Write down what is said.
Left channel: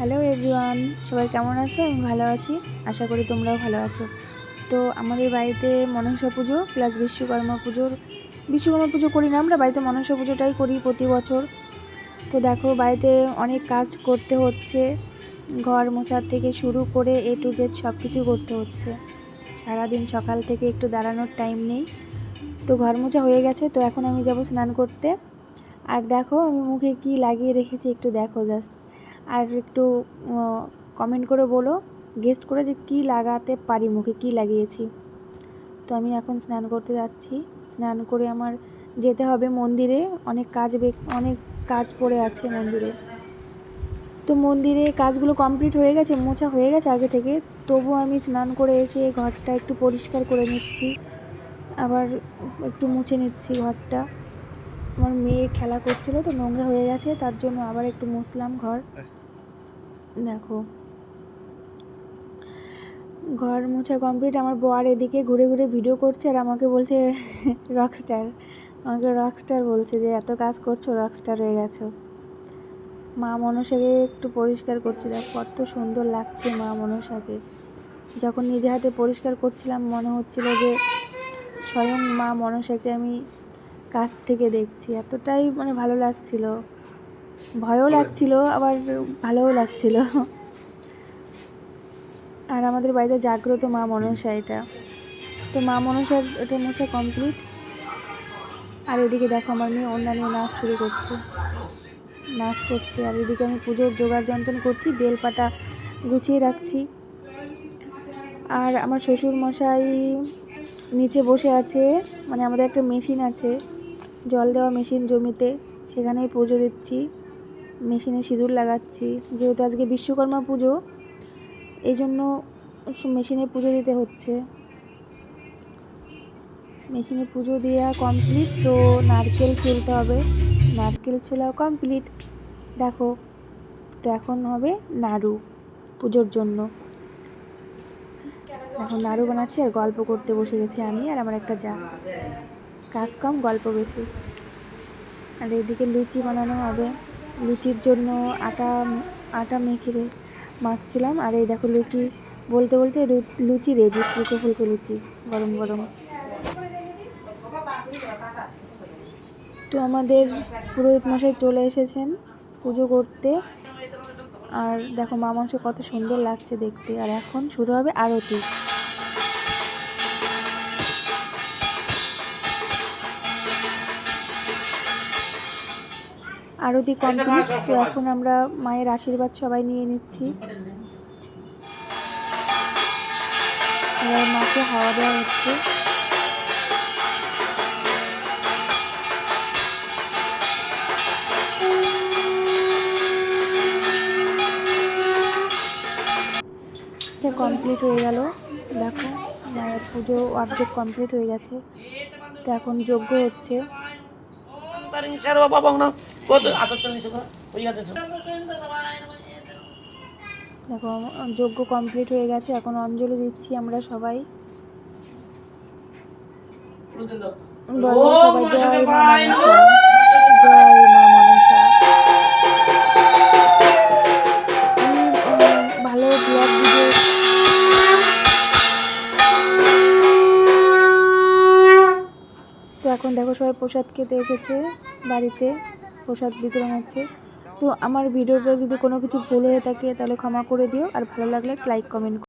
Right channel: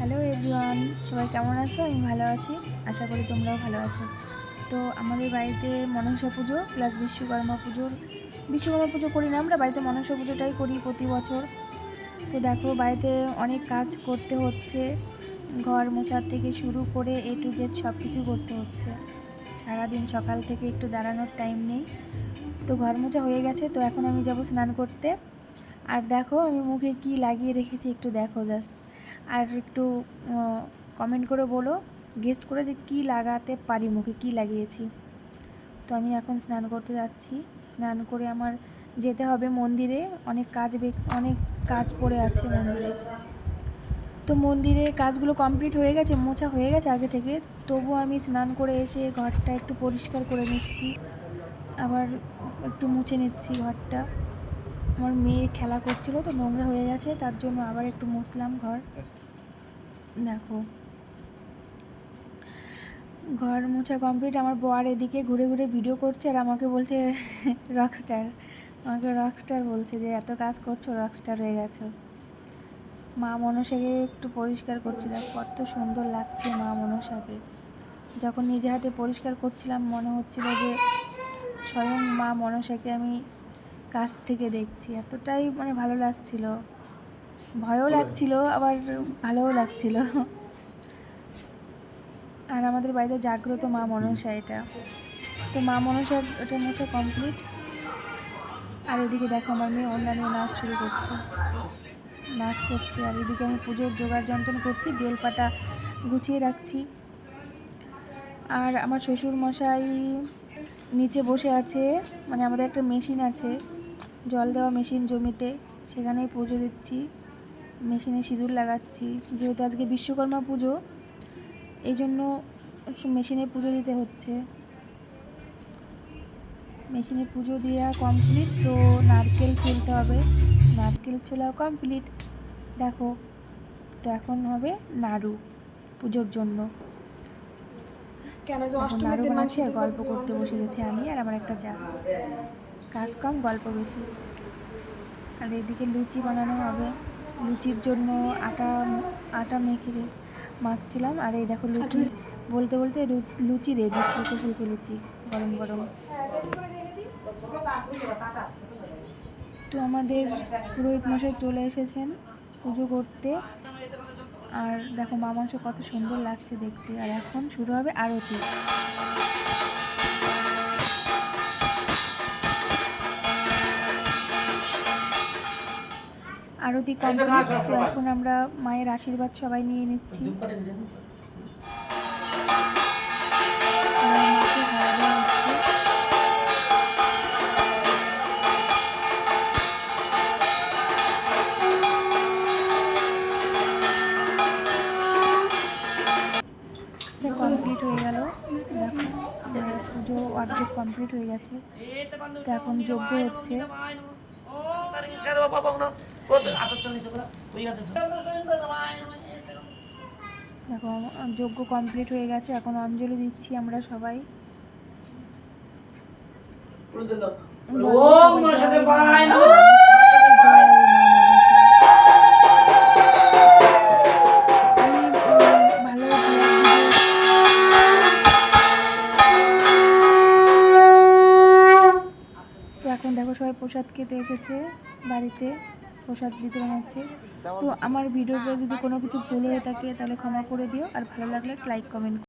Hello everyone, সবাই কেমন আছো? আমি ভালো আছি, আশা করি তোমরাও ভালো আছো। তো আমাদের বাড়িতে মনসা পুজো প্লাস বিশ্বকর্মা পুজো করি না আমরা, বাড়িতে মনসা পুজোটাই করি প্রতি বছর। তো দেখো বাড়িতে অনেক কাজ করতে হচ্ছে, ঘর মোছার থেকে শুরু করে A to Z সব কিছু করতে হচ্ছে। সারাদিন সকাল থেকে একটু দাঁড়ানোর টাইম নেই। তো ঘর মোছা হয়ে গেছে, তো এখন আমি যাব স্নান করতে। আর দেখো আমি মুখে কি লাগিয়ে রেখেছি একটু দেখো জাস্ট, আর একটু কমেন্ট করে বলো, গেস্ট করে যে কী লাগাতে পারি, মুখে কি লাগিয়েছি। তো আমি এখন স্নান করতে যাচ্ছি। স্নান করে আমার যেতে হবে মন্দিরে, অনেক কাজ পড়ে আছে মন্দিরে। তো মন্দিরে কাজগুলো কমপ্লিট হয়ে গেছে, মোছা হয়ে গেছে আগে থেকে, তবু আমি স্নান করে এসে ঘরটা একটু পরিষ্কার করে নিচ্ছি, আবার একটু মুছে নিচ্ছি ঘরটা। আমার মেয়ে খেলা করছিল তো নোংরা হয়ে গেছে, তার জন্য আবার একটু মুছলাম ঘর। দেখো ঘর মোছা কমপ্লিট। আমার বর এদিকে ঘুরে ঘুরে ভিডিও করছে আর আমাকে বলছে রকস্টার বলছে যে এত কাজ করছো, রকস্টার হয়ে গেছো। মা মনসাকে একটু পরিষ্কার করছি, দেখো কত সুন্দর লাগছে মা মনসাকে। যখন নিজে হাতে পরিষ্কার করছিলাম মনে হচ্ছিল যে স্বয়ং মা মনসাকে আমি কাছ থেকে দেখছি, এতটাই ভালো লাগছিল, ভয়ও লাগছিল আবার ভালোও লাগছিল। আর আমাদের বাড়িতে জাগ্রত মা মনসা এটা। তো মা মনসার এটা মোছা কমপ্লিট। আর এদিকে দেখো আমার মেয়ে ওড়না নিয়ে নাচ করছে, আর এদিকে আমি পুজোর জোগাড় যন্ত্র করছি, বেলপাতা গুছিয়ে রাখছি। আর আমার শ্বশুর মশাই নিচে বসে আছে, আমাদের একটা মেশিন আছে, জল দেওয়া মেশিন জমিতে, সেখানেই পুজো দিচ্ছি, মেশিনে সিঁদুর লাগাচ্ছি। যেহেতু আজকে বিশ্বকর্মা পুজো, এই জন্য মেশিনে পুজো দিতে হচ্ছে। মেশিনে পুজো দেওয়া কমপ্লিট, তো নারকেল ছুলতে হবে, নারকেল ছোলাও কমপ্লিট। দেখো তো এখন হবে নাড়ু পুজোর জন্য। এখন নাড়ু বানাচ্ছি আর গল্প করতে বসে গেছি আমি আর আমার একটা যা, কাজ কম গল্প বেশি। আর এদিকে লুচি বানানো হবে, লুচির জন্য আটা মাখছিলাম। আর এই দেখো লুচি বলতে বলতে লুচি রেডি, ফুলকো ফুলকো লুচি গরম গরম। তো আমাদের পুরোহিত মশাই চলে এসেছেন পুজো করতে। আর দেখো মা মনসা কত সুন্দর লাগছে দেখতে। আর এখন শুরু হবে আরতি। আরতি কমপ্লিট, তো এখন আমরা মায়ের আশীর্বাদ সবাই নিয়ে নিচ্ছি। এবার মাকে হাওয়া দেওয়া হচ্ছে। কমপ্লিট হয়ে গেল, দেখো মায়ের পুজো অর্ধেক কমপ্লিট হয়ে গেছে। তো এখন যজ্ঞ হচ্ছে। দেখো যজ্ঞ কমপ্লিট হয়ে গেছে, এখন অঞ্জলি দিচ্ছি আমরা সবাই। জয় মা মনসা। আমি ভালো ব্লগ ভিডিও তো এখন দেখো সবাই প্রসাদ খেতে এসেছে, বাড়িতে প্রসাদ বিতরণ হচ্ছে। তো আমার ভিডিওটা যদি কোনো কিছু ভুল হয়ে থাকে তাহলে ক্ষমা করে দিও, আর ভালো লাগলে লাইক কমেন্ট